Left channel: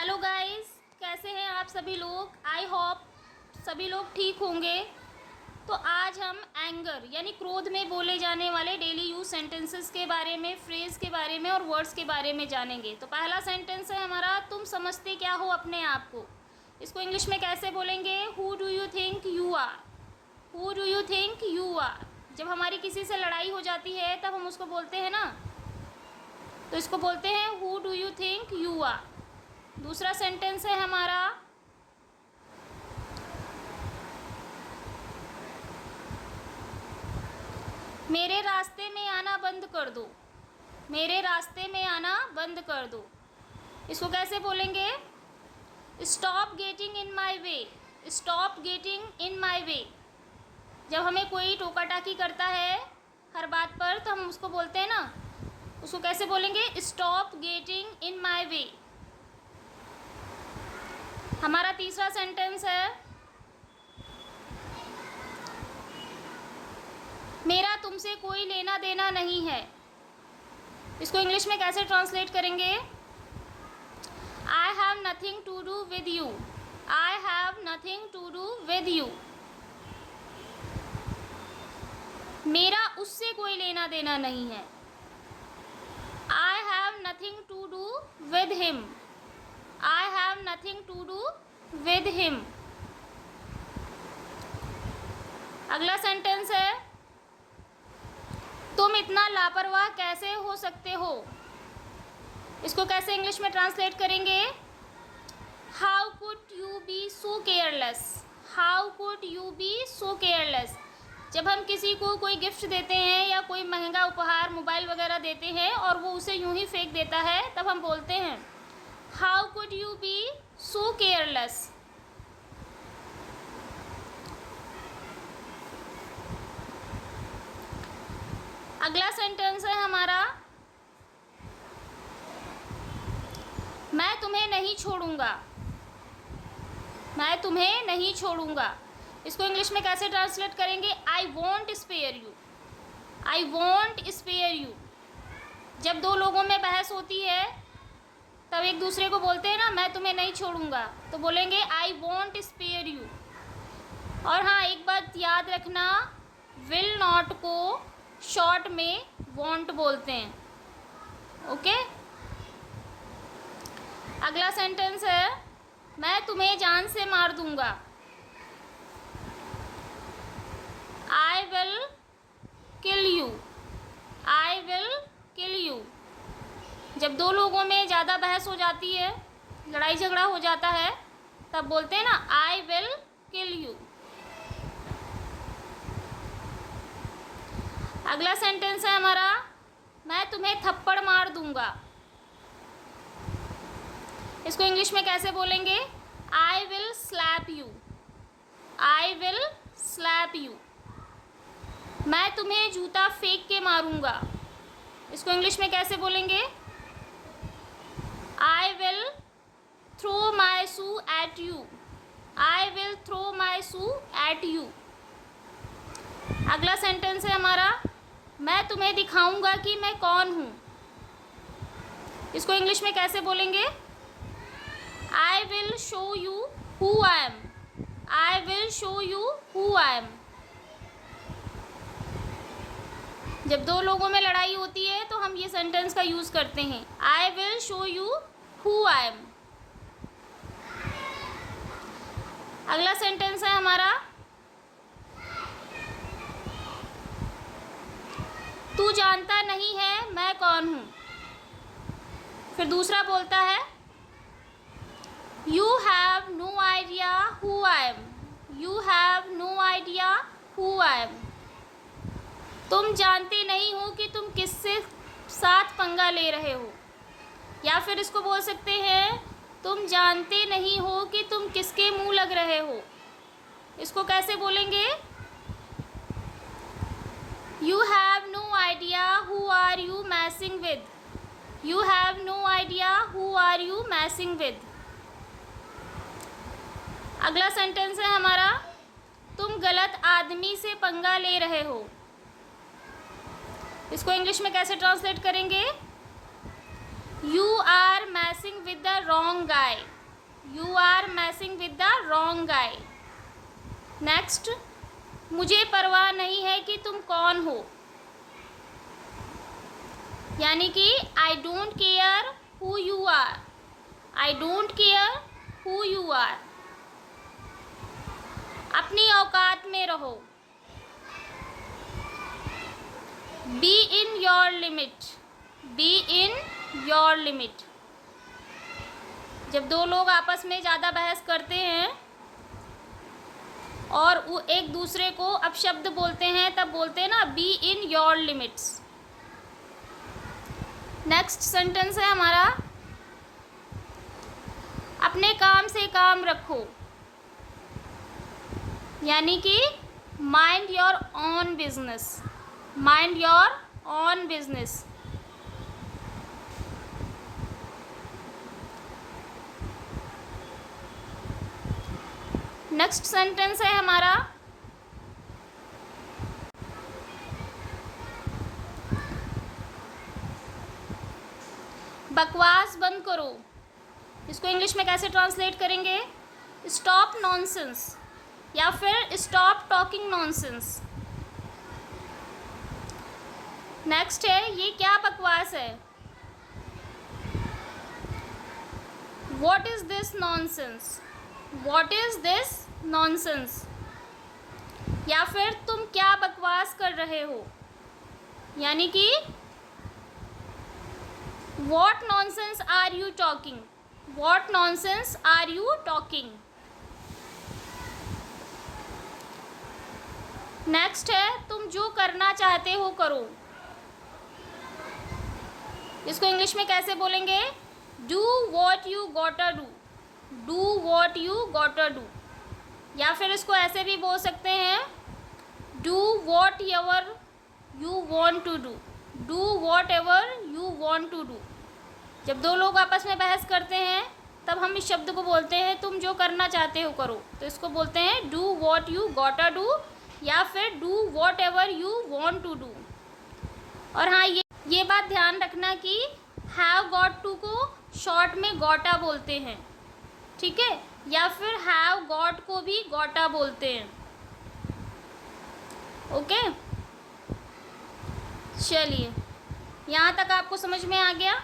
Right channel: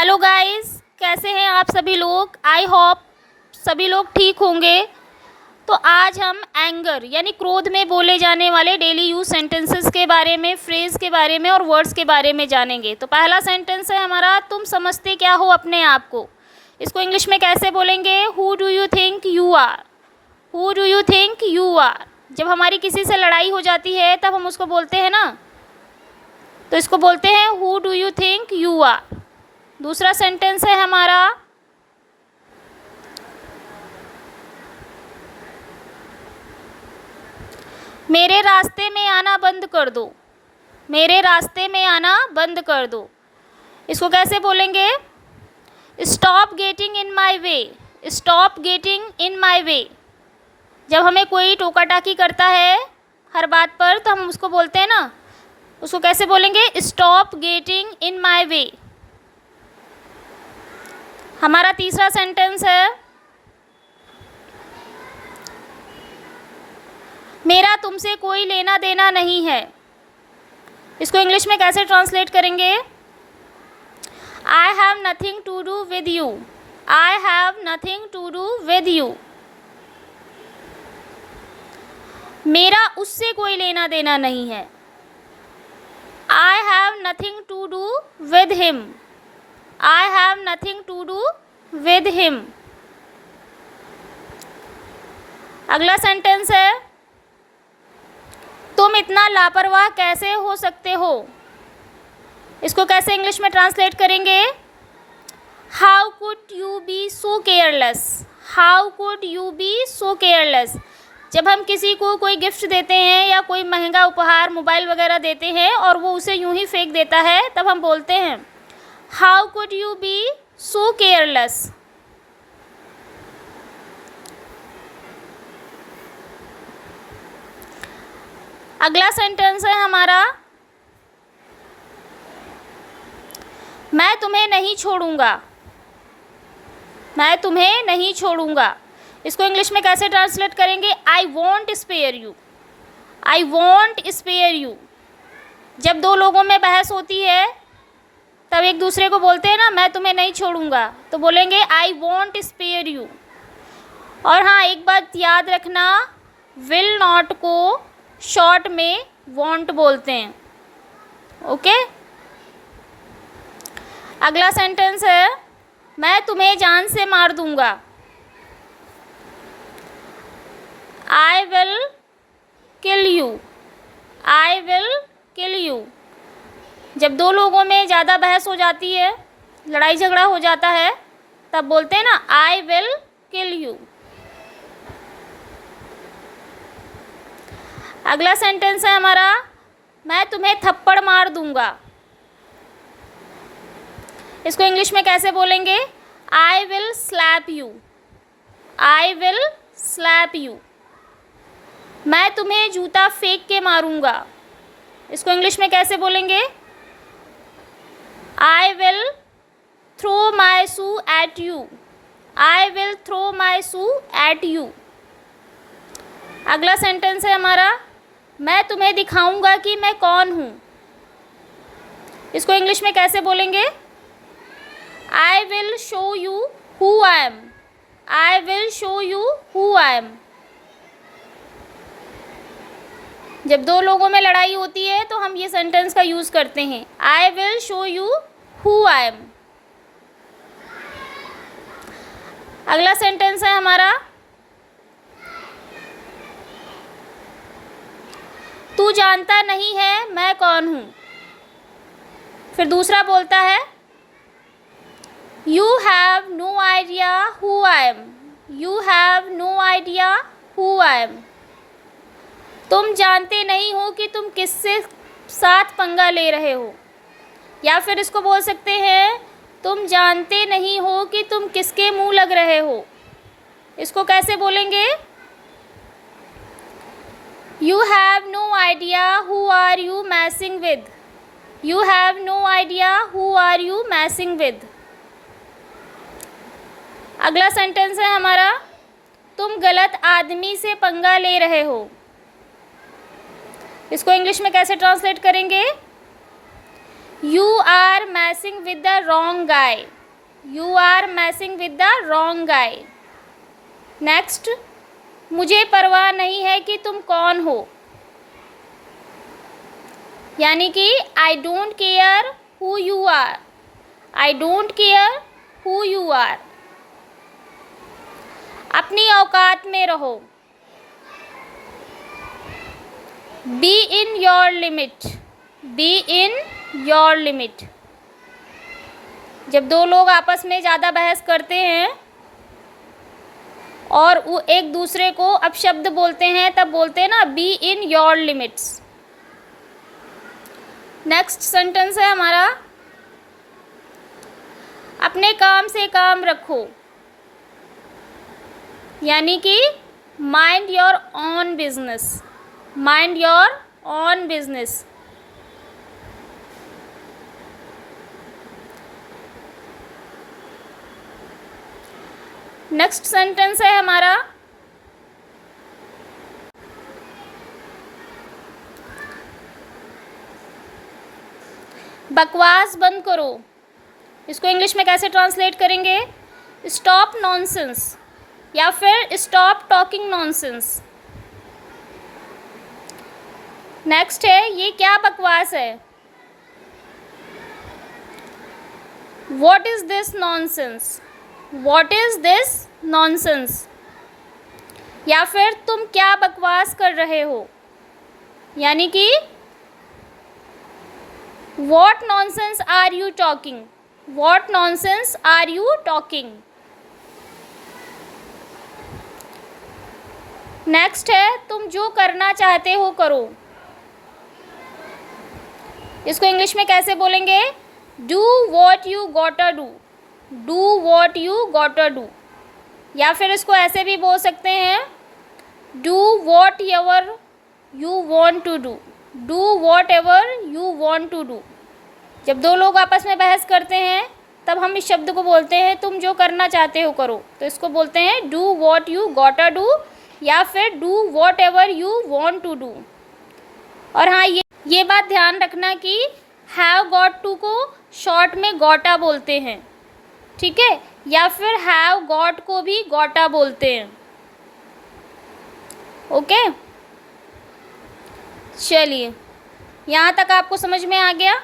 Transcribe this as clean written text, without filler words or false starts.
Hello guys, कैसे हैं आप सभी लोग। आई होप सभी लोग ठीक होंगे। तो आज हम एंगर यानी क्रोध में बोले जाने वाले डेली यूज सेंटेंसेस के बारे में, फ्रेज के बारे में और वर्ड्स के बारे में जानेंगे। तो पहला सेंटेंस है हमारा, तुम समझते क्या हो अपने आप को। इसको इंग्लिश में कैसे बोलेंगे? Who do you think you are. Who do you think you are. जब हमारी किसी से लड़ाई हो जाती है तब हम उसको बोलते हैं ना, तो इसको बोलते हैं who do you think you are. दूसरा सेंटेंस है हमारा, मेरे रास्ते में आना बंद कर दो। मेरे रास्ते में आना बंद कर दो। इसको कैसे बोलेंगे? Stop getting in my way. Stop getting in my way. जब हमें कोई टोका टाकी करता है हर बात पर तो हम उसको बोलते हैं ना, उसको कैसे बोलेंगे? स्टॉप गेटिंग इन माई वे। हमारा तीसरा सेंटेंस है, मेरा तुमसे कोई लेना देना नहीं है। इसको इंग्लिश में कैसे ट्रांसलेट करेंगे? I have nothing to do with you. I have nothing to do with you. मेरा उससे कोई लेना देना नहीं है। I have nothing to do with him. I have nothing to do with him. अगला सेंटेंस है, तुम इतना लापरवाह कैसे हो सकते हो। इसको कैसे इंग्लिश में ट्रांसलेट करेंगे? How could you be so careless. How could you be so careless. जब हम किसी को कोई गिफ्ट देते हैं या कोई महंगा उपहार, मोबाइल वगैरह देते हैं और वो उसे यूं ही फेंक देता है, तब हम बोलते हैं how could you be so careless. अगला सेंटेंस है हमारा, मैं तुम्हें नहीं छोड़ूंगा। मैं तुम्हें नहीं छोड़ूंगा। इसको इंग्लिश में कैसे ट्रांसलेट करेंगे? I won't spare you. I won't spare you. जब दो लोगों में बहस होती है तब एक दूसरे को बोलते हैं ना, मैं तुम्हें नहीं छोड़ूंगा, तो बोलेंगे आई वॉन्ट स्पेयर यू। और हाँ, एक बात याद रखना, विल नॉट को शॉर्ट में वॉन्ट बोलते हैं। ओके। अगला सेंटेंस है, मैं तुम्हें जान से मार दूंगा। I will kill you. I will kill you. जब दो लोगों में ज़्यादा बहस हो जाती है, लड़ाई झगड़ा हो जाता है, तब बोलते हैं ना आई विल किल यू। अगला सेंटेंस है हमारा, मैं तुम्हें थप्पड़ मार दूंगा। इसको इंग्लिश में कैसे बोलेंगे? I will slap you. I will slap you. मैं तुम्हें जूता फेंक के मारूंगा। इसको इंग्लिश में कैसे बोलेंगे? I will throw my shoe at you. I will throw my shoe at you. अगला सेंटेंस है हमारा, मैं तुम्हें दिखाऊंगा कि मैं कौन हूँ। इसको इंग्लिश में कैसे बोलेंगे? I will show you who I M. I will show you who I M. जब दो लोगों में लड़ाई होती है तो हम ये सेंटेंस का यूज़ करते हैं, I will show you who I M. अगला सेंटेंस है हमारा, तू जानता नहीं है मैं कौन हूँ। फिर दूसरा बोलता है, you have no idea who I am. You have no idea who I am. तुम जानते नहीं हो कि तुम किससे साथ पंगा ले रहे हो। या फिर इसको बोल सकते हैं, तुम जानते नहीं हो कि तुम किसके मुंह लग रहे हो। इसको कैसे बोलेंगे? You have no idea who are you messing with. You have no idea who are you messing with. अगला सेंटेंस है हमारा, तुम गलत आदमी से पंगा ले रहे हो। इसको इंग्लिश में कैसे ट्रांसलेट करेंगे? You are messing with the wrong guy, you are messing with the wrong guy. Next, मुझे परवाह नहीं है कि तुम कौन हो, यानी कि I don't care who you are, I don't care who you are. अपनी औकात में रहो, be in your limit, be in your limit. जब दो लोग आपस में ज़्यादा बहस करते हैं और वो एक दूसरे को अपशब्द बोलते हैं, तब बोलते हैं ना B in your limits. Next sentence है हमारा, अपने काम से काम रखो, यानी कि mind your own business, mind your own business. Next sentence है हमारा, बकवास बंद करो। इसको इंग्लिश में कैसे ट्रांसलेट करेंगे? स्टॉप नॉनसेंस या फिर स्टॉप टॉकिंग नॉनसेंस। नेक्स्ट है, ये क्या बकवास है? What is this nonsense, what is this nonsense. या फिर तुम क्या बकवास कर रहे हो, यानी कि what nonsense are you talking, what nonsense are you talking. Next है, तुम जो करना चाहते हो करो। इसको इंग्लिश में कैसे बोलेंगे? Do what you gotta do, do what you gotta do. या फिर इसको ऐसे भी बोल सकते हैं, do whatever you want to do, do whatever you want to do. जब दो लोग आपस में बहस करते हैं तब हम इस शब्द को बोलते हैं तुम जो करना चाहते हो करो, तो इसको बोलते हैं do what you gotta do या फिर do whatever you want to do. और हाँ, ये बात ध्यान रखना कि हैव गॉट टू को शॉर्ट में गोटा बोलते हैं, ठीक है, या फिर हैव गॉट को भी गोटा बोलते हैं। ओके, चलिए यहाँ तक आपको समझ में आ गया।